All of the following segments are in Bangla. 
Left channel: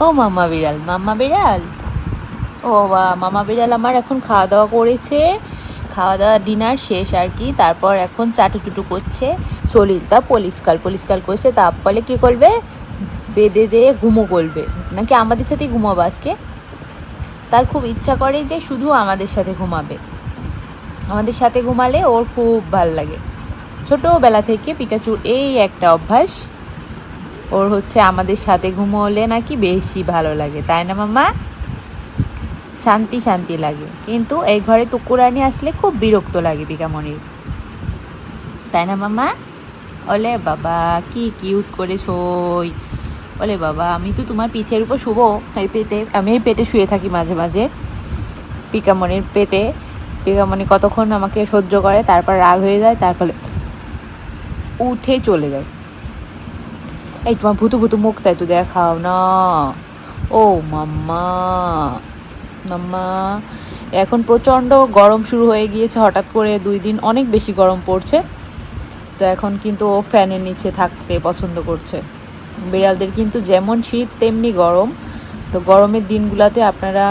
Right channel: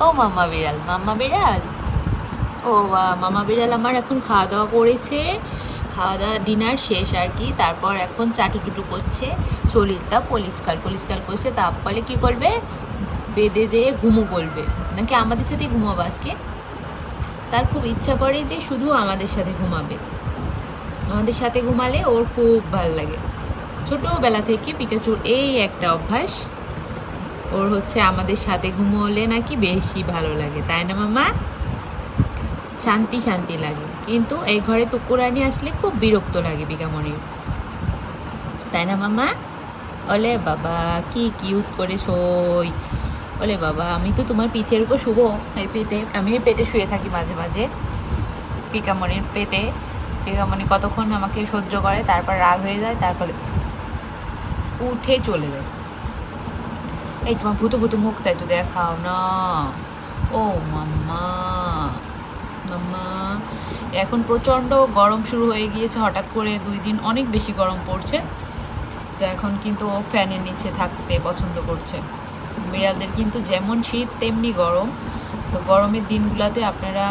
ও মামা বিড়াল মামা বিড়াল। ও বাবা মামা বিড়াল আমার এখন খাওয়া দাওয়া করেছে। খাওয়া দাওয়া ডিনার শেষ আর কি। তারপর এখন চাটু চুটু করছে। চলিতটা পলিশকাল পলিশকাল করছে। তারপরে কি করবে? বেডে যেয়ে ঘুমো করবে নাকি আমাদের সাথেই ঘুমাবো আজকে? তার খুব ইচ্ছা করে যে শুধু আমাদের সাথে ঘুমাবে। আমাদের সাথে ঘুমালে ওর খুব ভালো লাগে। ছোটোবেলা থেকে পিকাচুর এই একটা অভ্যাস। ওর হচ্ছে আমাদের সাথে ঘুমোলে নাকি বেশি ভালো লাগে, তাই না মামা শান্তি শান্তি লাগে। কিন্তু এই ঘরে তুকুরানি আসলে খুব বিরক্ত লাগে পিকামণির তাই না মামা ওলে বাবা, কি কিউট করে শোই ওলে বাবা, আমি তো তোমার পিঠের উপর শুবো, এই পেটে, আমি এই পেটে শুয়ে থাকি মাঝে মাঝে। পিকামণির পেটে পিকামণি কতক্ষণ আমাকে সহ্য করে, তারপর রাগ হয়ে যায়, তারপরে উঠে চলে যায়। এই তোমার ভুতু ভুতু মুখটা একটু দেখাও না ও মাম্মা মাম্মা এখন প্রচণ্ড গরম শুরু হয়ে গিয়েছে, হঠাৎ করে দুই দিন অনেক বেশি গরম পড়ছে। তো এখন কিন্তু ও ফ্যানের নিচে থাকতে পছন্দ করছে। বিড়ালদের কিন্তু যেমন শীত, তেমনি গরম। তো গরমের দিনগুলোতে আপনারা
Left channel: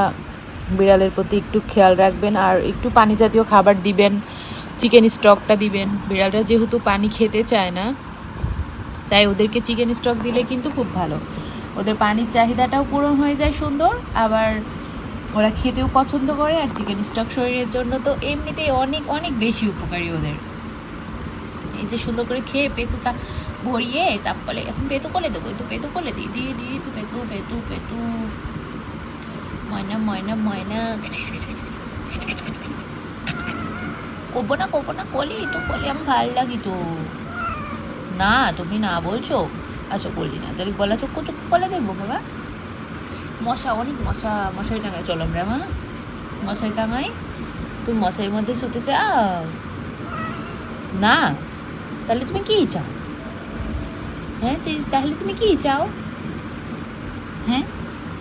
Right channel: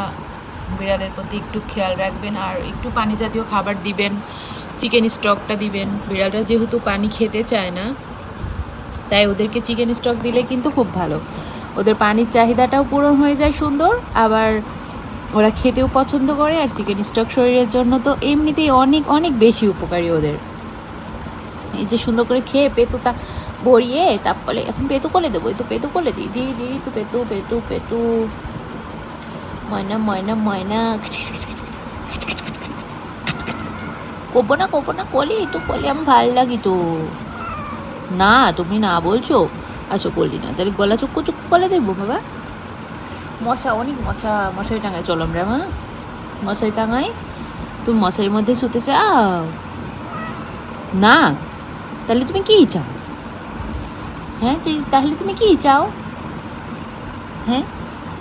বিড়ালের প্রতি একটু খেয়াল রাখবেন আর একটু পানি জাতীয় খাবার দিবেন, চিকেন স্টকটা দিবেন। বিড়ালরা যেহেতু পানি খেতে চায় না তাই ওদেরকে চিকেন স্টক দিলে কিন্তু খুব ভালো। ওদের পানির চাহিদাটাও পূরণ হয়ে যায় সুন্দর, আবার ওরা খেতেও পছন্দ করে, আর চিকেন স্টক শরীরের জন্য তো এমনিতেই অনেক অনেক বেশি উপকারী ওদের। এই যে সুন্দর করে খেয়ে পেতুটা ভরিয়ে তারপরে এখন পেতু কোলে দেবো, এই তো পেতু কোলে দিই দিই দিই তো পেতু পেতু পেতু। ময়না ময়না ময়না। করব না করব না, কলি একটু কলি, আমার ভালো লাগে তো না, তুমি না বলছো? আচ্ছা করলি না। তাহলে গলা চুক্কু চুক্কু করে দেবো, বাবা। মশা, অনেক মশা, মশারি টাঙাই চলো আমরা, মা। মশারি টাঙাই। তুমি মশারির মধ্যে শুতে চাও? না। তাহলে তুমি কি চাও? হ্যাঁ তাহলে তুমি কি চাও? হ্যাঁ?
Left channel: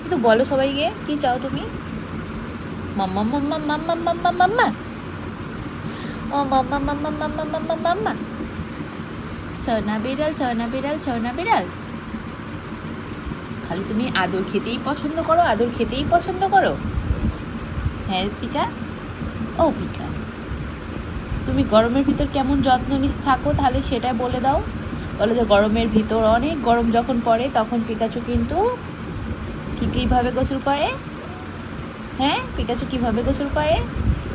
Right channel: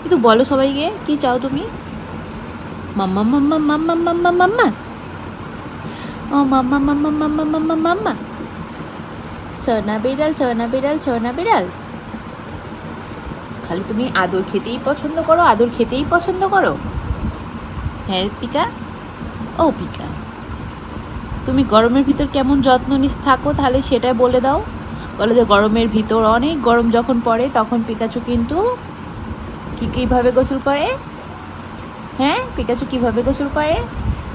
একটু বলো সবাইকে, কি চাও তুমি? মাম্মা মাম্মা মাম্মা মাম্মা মাম্মা। ও, মাম্মা মাম্মা মাম্মা মাম্মা। সোনা বিড়াল সোনা বিড়াল সোনা বিড়াল? খালি তুমি আদর খেতেই পছন্দ করো, আদর খেতেই পছন্দ করো। হ্যাঁ পিকা ও পিকা তুমি গরমের ভিতর কেমন যত্ন নিতে থাকো, তাহলে সেটা বলে দাও। বলে যে গরমের ভিতর অনেক গরম যখন পড়ে, তখন পিকাচু কিন্তু কি কীভাবে গোসল করে? হ্যাঁ পিকাচু কীভাবে গোসল করে?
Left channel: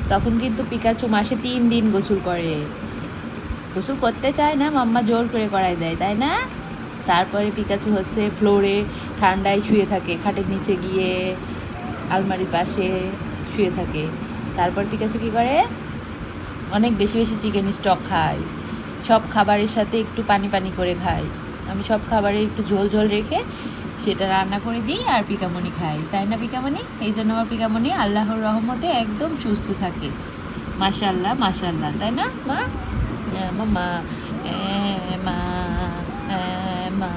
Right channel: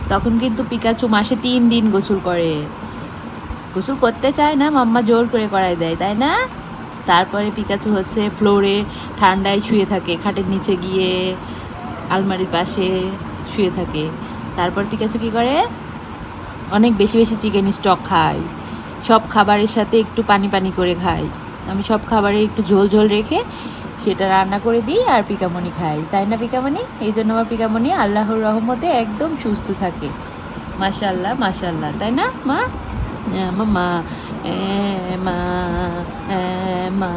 তখন কিন্তু পিকাচু মাসে তিন দিন গোসল করে। গোসল করতে চায় না, মাম্মা জোর করে করাই দেয়, তাই না? তারপরে পিকাচু হচ্ছে ফ্লোরে ঠান্ডায় শুয়ে থাকে, খাটের নিচে গিয়ে আলমারির পাশে শুয়ে থাকে। তারপর পিকাচু কী করে? অনেক বেশি বেশি চিকেন স্টক খায়। সব খাবারের সাথে একটু পানি পানি করে খায়। আমি সব খাবারে একটু ঝোল ঝোল রেখে সেটা রান্না করে দিই আর পিকামণি খাই, তাই না পিকামণি এই জন্য আমার পিকামণি আল্লাহর রহমতে একদম সুস্থ থাকে। মাশাল্লাহ মাশাল্লাহ তাই না মা? মামা মা মা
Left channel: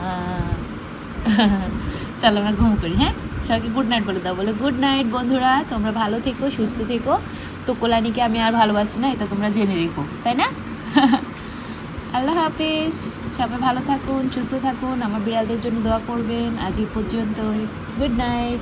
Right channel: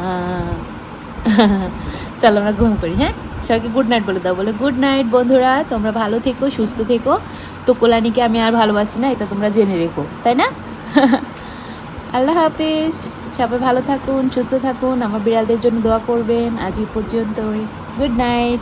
চলো আমরা ঘুম করি হ্যাঁ? সবাইকে গুড নাইট বলে দাও। বলে গুড নাইট বন্ধুরা, তোমরা ভালো থেকো, সুস্থ থেকো। তো কোলানিকে আমি আর ভালোবাসি না, এটা তোমরা জেনে রেখো, তাই না? আল্লাহ হাফিজ। সবাই ভালো থাকুন, সুস্থ থাকুন। আমার বিড়ালদের জন্য দোয়া করবেন। আজ এই পর্যন্তই। Good night